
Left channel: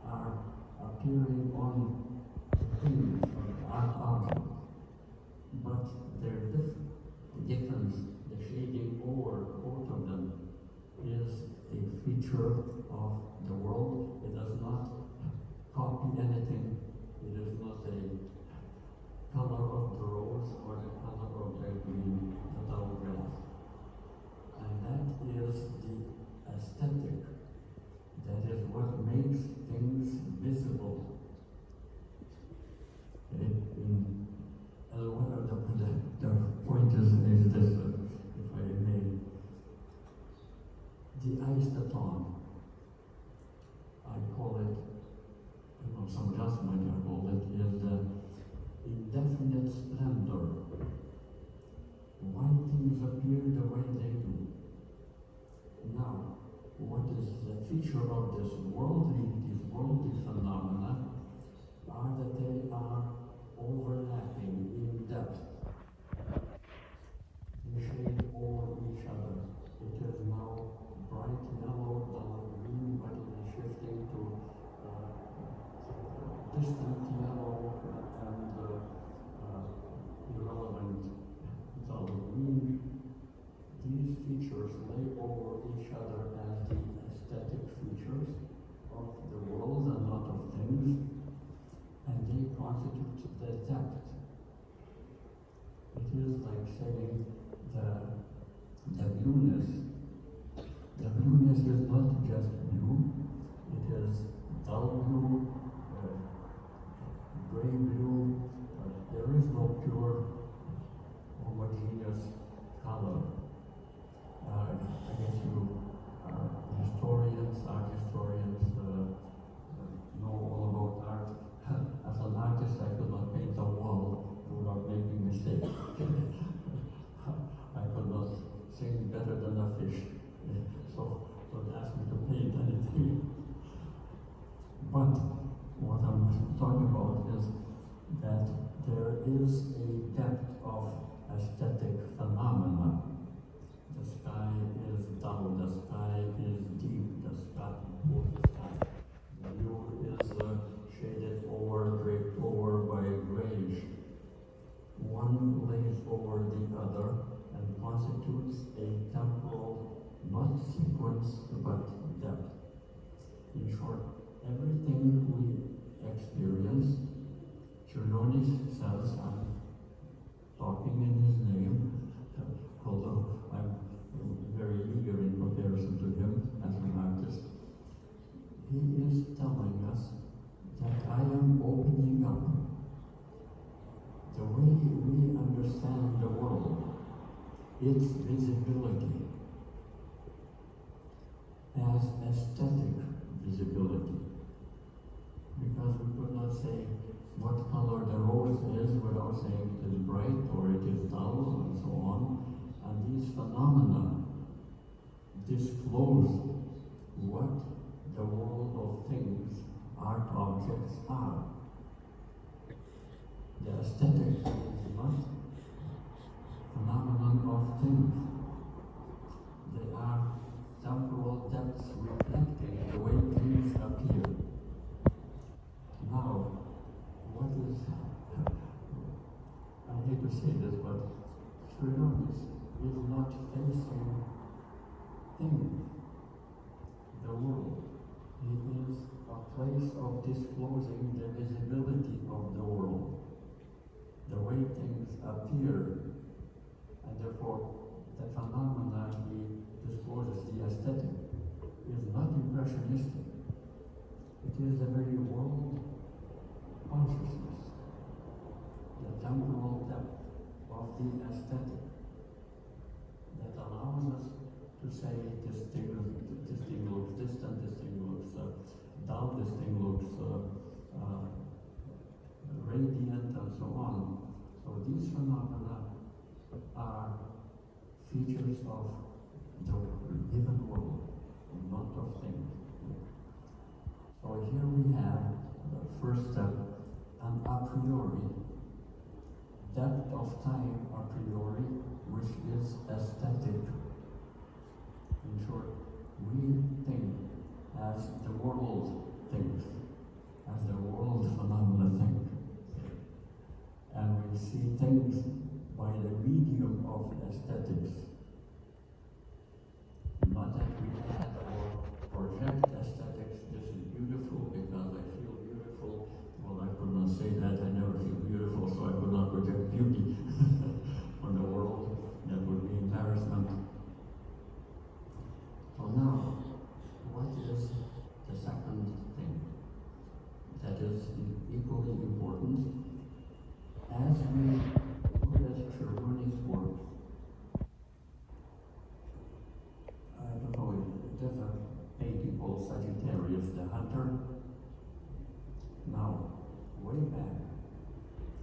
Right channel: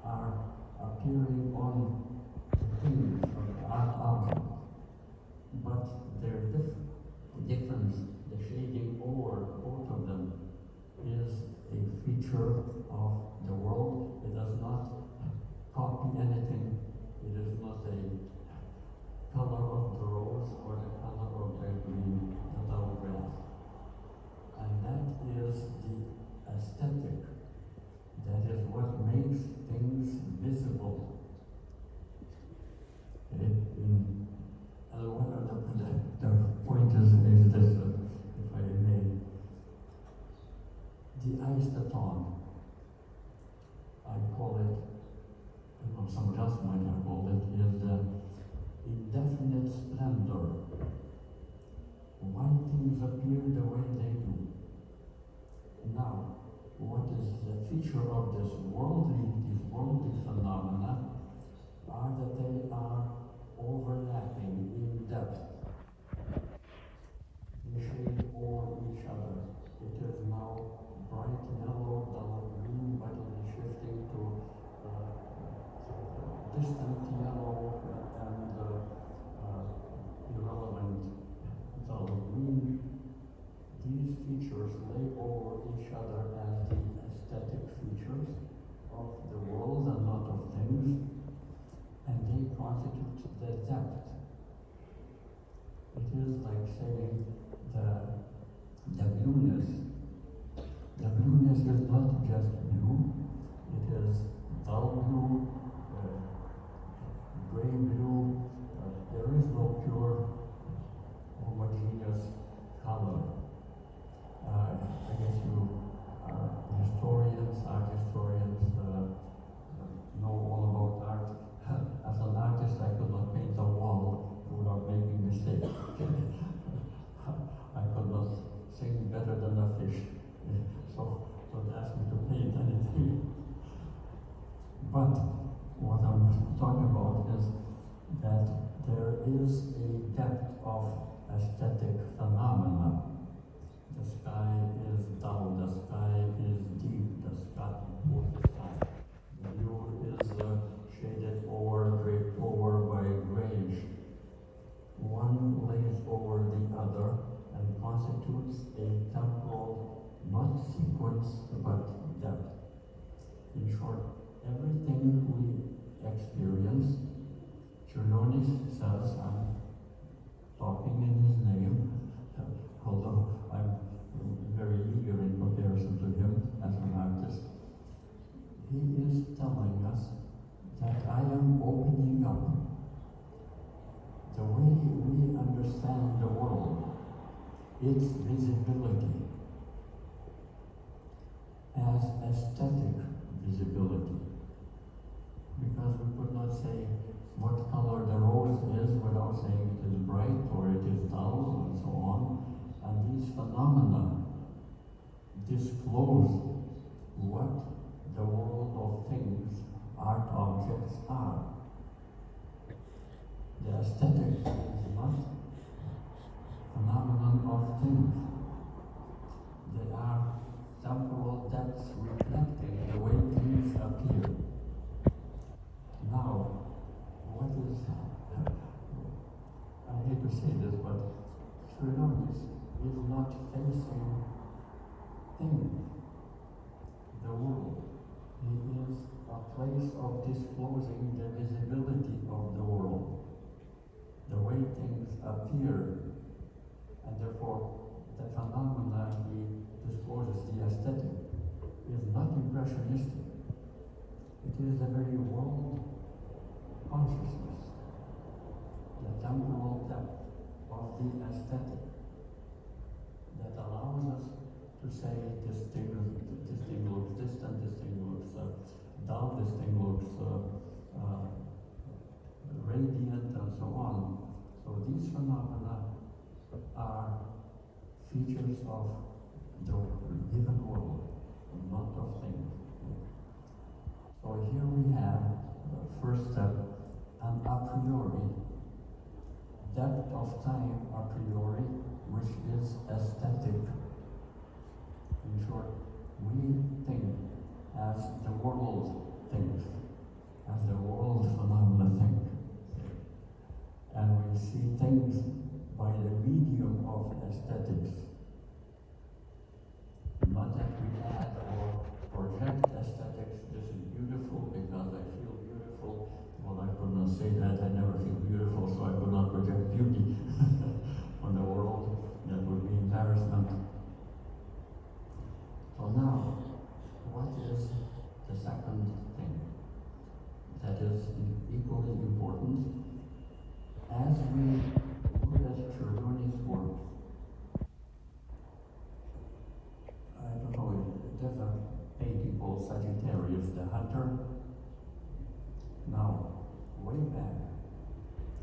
are appearing on the things of the art object, but their difference, the shading over both of them, is a feature of the world. It does not copy anything. It is not a color of the rose or the color of the green, the dull grass. And that is the aesthetic. That is what makes things visible. The point is this, if I may. The istaton, I call it, some just might have called it, is the indefinite splendor. Why things appear the way they do. Now, what is the feature of these worldly phenomena are that they are overlapping in depth. They shade over each other. It is now bright yellow, dull green, but it is shifting to distant yellow and irrelevant dull green. These features lay over each other as the aesthetic features of the world and not of things, and they constitute the depth. It is like saying the blueness. The blueness is not just blue, it is dull blue, gray blue. There is no pure homogeneous color. I guess you historians, art historians, know all about art. As an artist, I could not paint a wall without making mistakes. I could not sing better than a fish. So don't ask me to paint anything. But what I'm talking about is that there is a depth of aesthetic phenomena. The sky is dull, the sky is deep, the sky, the blue is shaded over, draped over by grayish. One lays over the other and constitutes a temporal, not sequence, but depth. In short, everything we experience, Čiurlionis says, I'm talking in his name, although I'm very eager in comparison to him as an artist. He is telling us that I am opening up the way we understand the world, its visibility, as aesthetic visibility. Because we could not say what color the rose is without saying it is bright or it is dull and so on. And these phenomena disclose what the world of things, art objects are. The aesthetic is not phenomenon of things. They are temporal depths reflecting the way things appear. Now, what is, I hate to say this, but Čiurlionis is not facing the world. It is a place of disclosing the visibility of the world, the way things appear, and therefore the phenomena he discloses, the aesthetic, is not impressionistic. It is the very world consciousness, the temporal depth of the aesthetic that allows us to say this thing looks distant, this thing looks dull, this thing looks radiant, and so on. So these phenomena are features of the given world, not of things. So here we have the first step, an a priori, depth of time a priori, which is aesthetic. In short, we think as the world thinks, as the world phenomena think. And we see things by the medium of aesthetics. Not that we add or project aesthetics. This is beautiful because I feel beautiful. Well, I could not say that. I never feel beautiful, so I could not project beauty on the world. That would be embarrassment. So now, what is the second thing that is equally important? As we look at Čiurlioni's work, I don't know, there's a painting called Sagittarius, the hunter. Now, way back,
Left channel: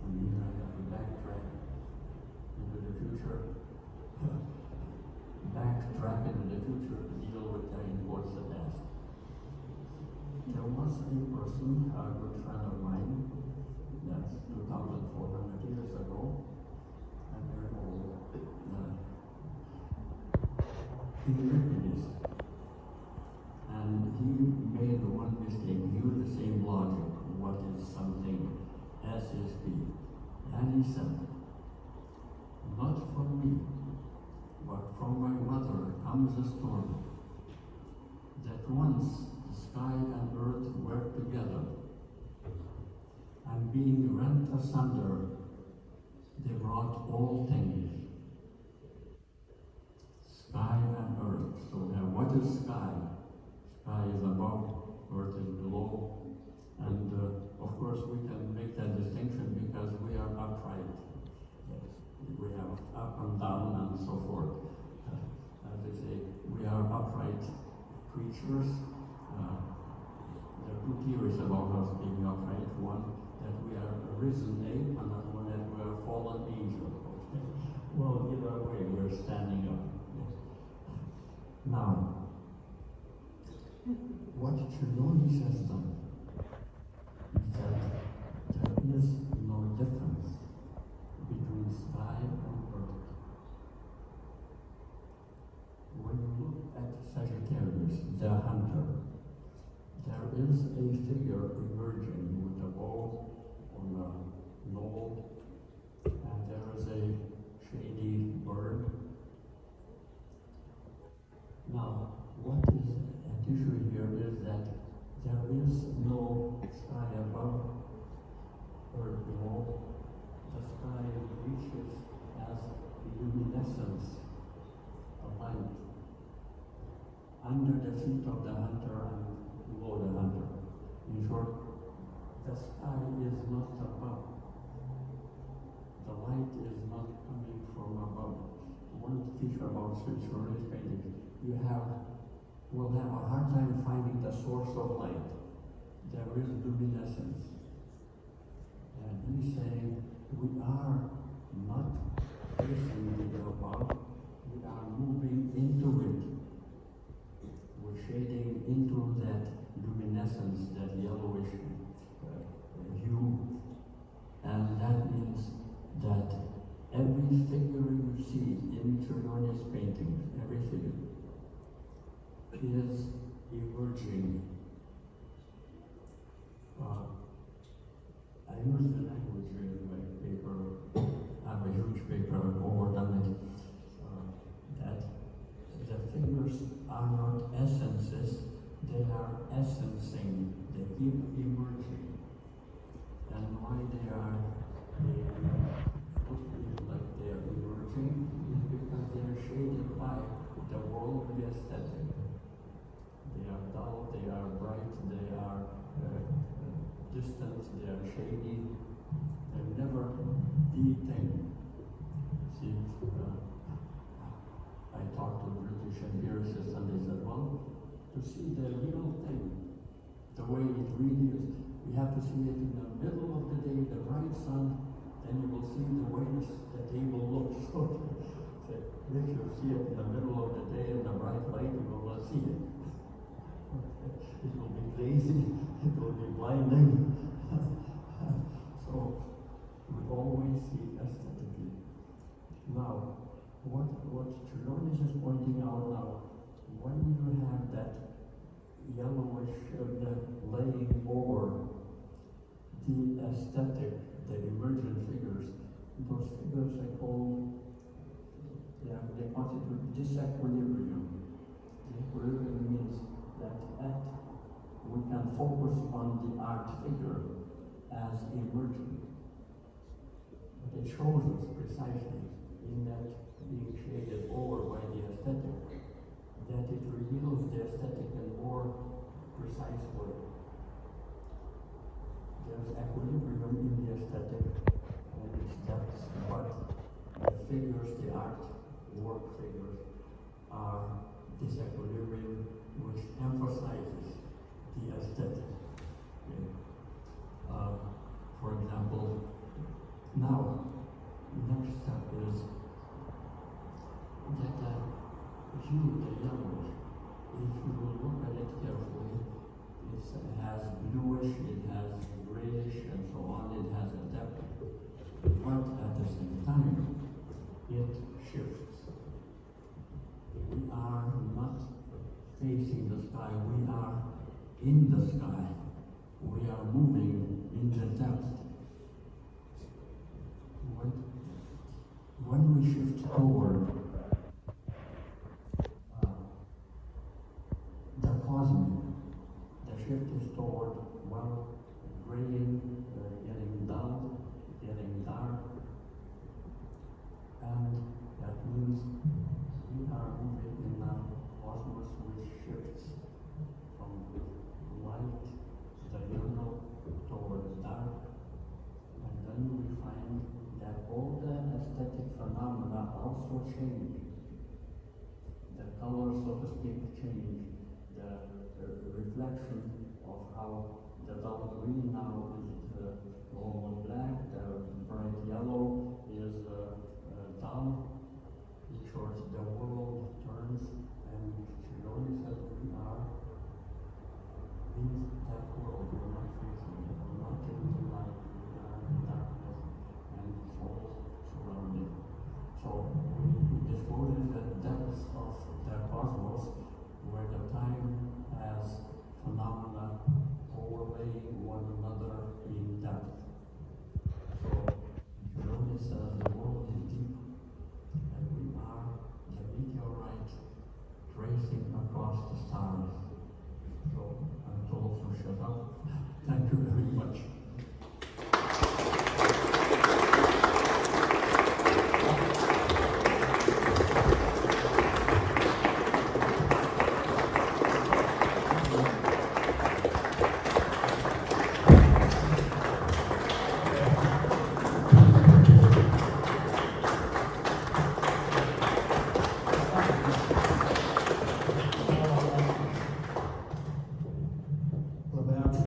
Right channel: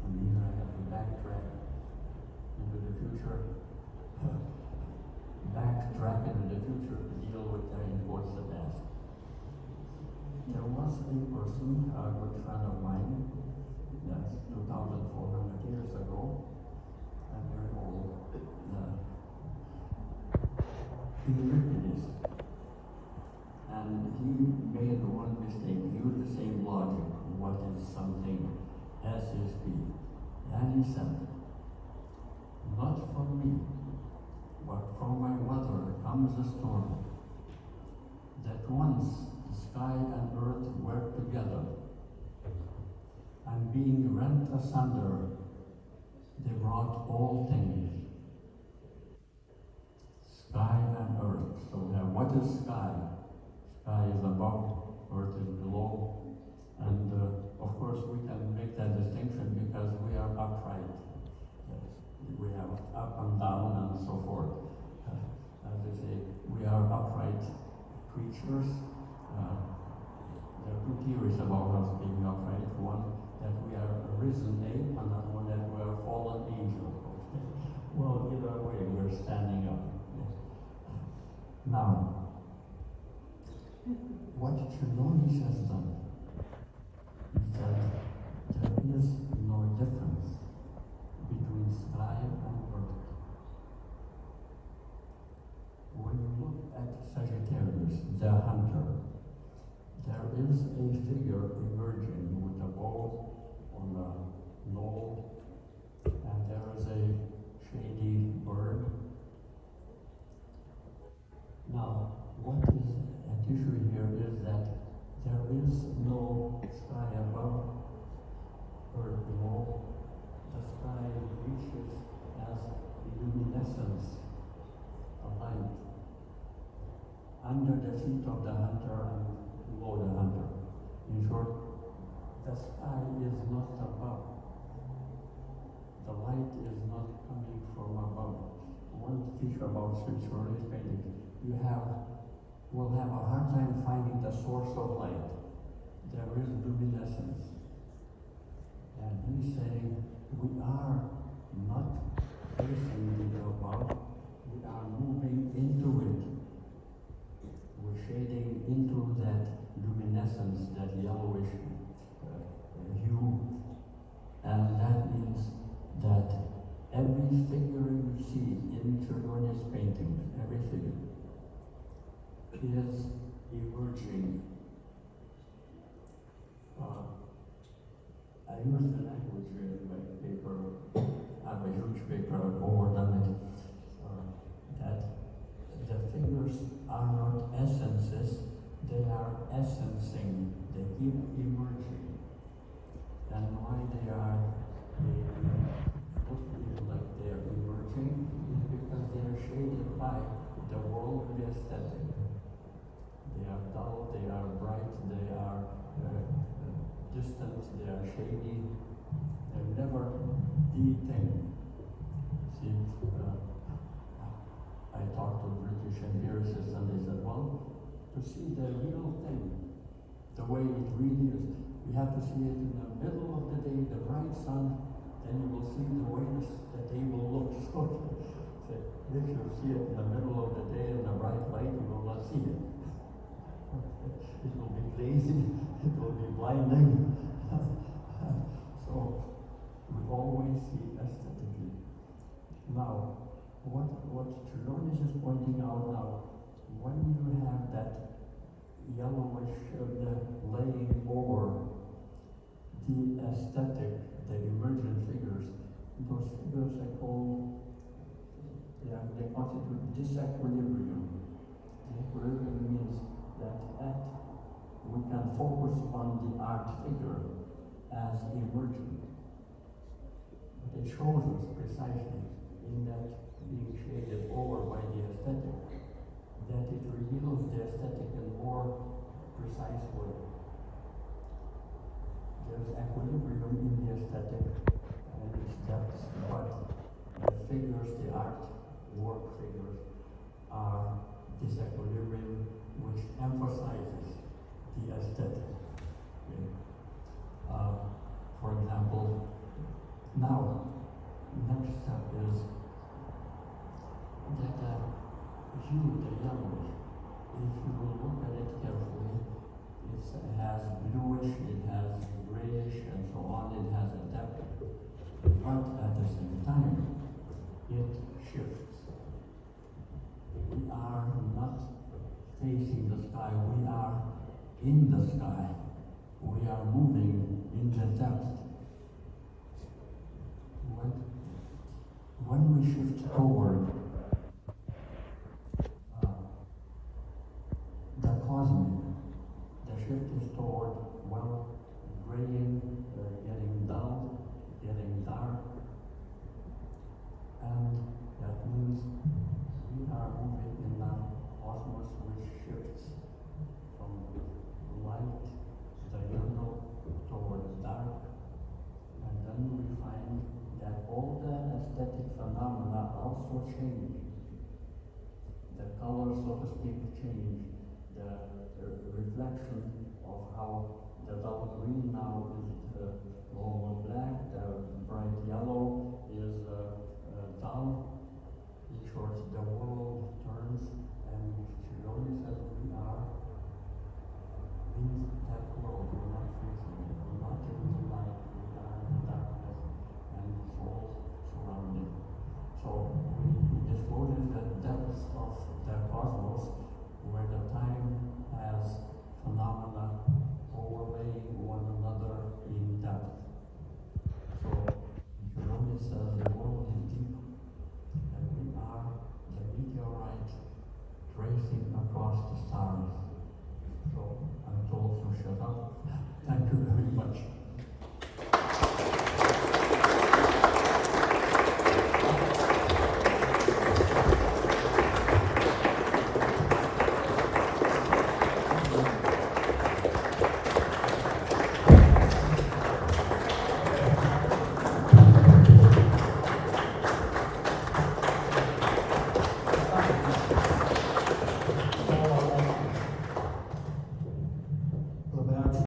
I mean, I have to backtrack into the future, backtrack into the future to deal with the towards the past. There was a person, a good friend of mine, that's 2,400 years ago. I'm very old. He lived in this. And he made one mistake. He used the same logic. What is something? S is P. And he said, not from me, but from my mother comes a story that once the sky and earth were together, and being rent asunder, they brought all things. Sky and earth. So what is sky? Sky is above, earth is below. And of course we can make that distinction because we are upright. We are up and down and so forth. As they say, we are upright creatures. There are two theories about us being upright. One, that we are a risen ape, and another one that we are a fallen angel. Well, either way, we're standing up. Now, what Čiurlionis has done is that there is no difference between sky and earth. When you look at Sagittarius, the hunter, there is a figure emerging with a bow on a knoll, and there is a shady bird. Now, what is at issue here is that there is no sky above or below. The sky reaches as luminescence, a light, under the feet of the hunter and below the hunter. In short, the sky is not above. The light is not coming from above. One feature about Čiurlioni's painting, will have a hard time finding the source of light. There is luminescence. And we say we are not facing it above, we are moving into it. We're shading into that luminescence, that yellowish hue, and that means that every figure you see in Čiurlioni's paintings, every figure, is emerging. I use the language here in my paper. I have a huge paper over done it are not essences, they are essencing, they keep emerging. And why they are like they are emerging is because they are shaded by the worldly aesthetic. They are dull, they are bright, they are distant, they are shady, they're never the thing. See, I talk to British empiricists and they said, well, to see the real thing, the way it really is, you have to see it in the middle of the day, the bright sun, then you will see the way the table looks. So if you see it in the middle of the day in the bright light, you will not see it. It will be lazy, it will be blinding. So we always see aesthetically. Now, what Čiurlionis is pointing out now, when you have that yellowish laying over the aesthetic, the emergent figures, those figures I call, they constitute disequilibrium. Disequilibrium means that we can focus on the art figure as emergent. But it shows us precisely in that being shaded over by the aesthetic, that it reveals the aesthetic in more precise way. There's equilibrium in the aesthetic and its depths, but the figures, the art work figures, are disequilibrium which emphasizes the aesthetic. Okay. For example, now, next step is that hue, the yellowish, if you look at it carefully, it has bluish, it has grayish, and so on, it has a depth. But at the same time, it shifts. We are not facing the sky, we are in the sky. We are moving in the depth. When we shift toward the cosmic, the shift is toward, well, graying, getting dull, getting dark, and that means we are moving in a cosmos which shifts from light, the yellow, toward dark, and then we find that all the aesthetic phenomena also change. The color, so to speak, change. The reflection of how the dull green now is almost black, the bright yellow is dull. In short, the world turns, and Čiurlionis says we are in that world, we're not facing it, we're not in the light.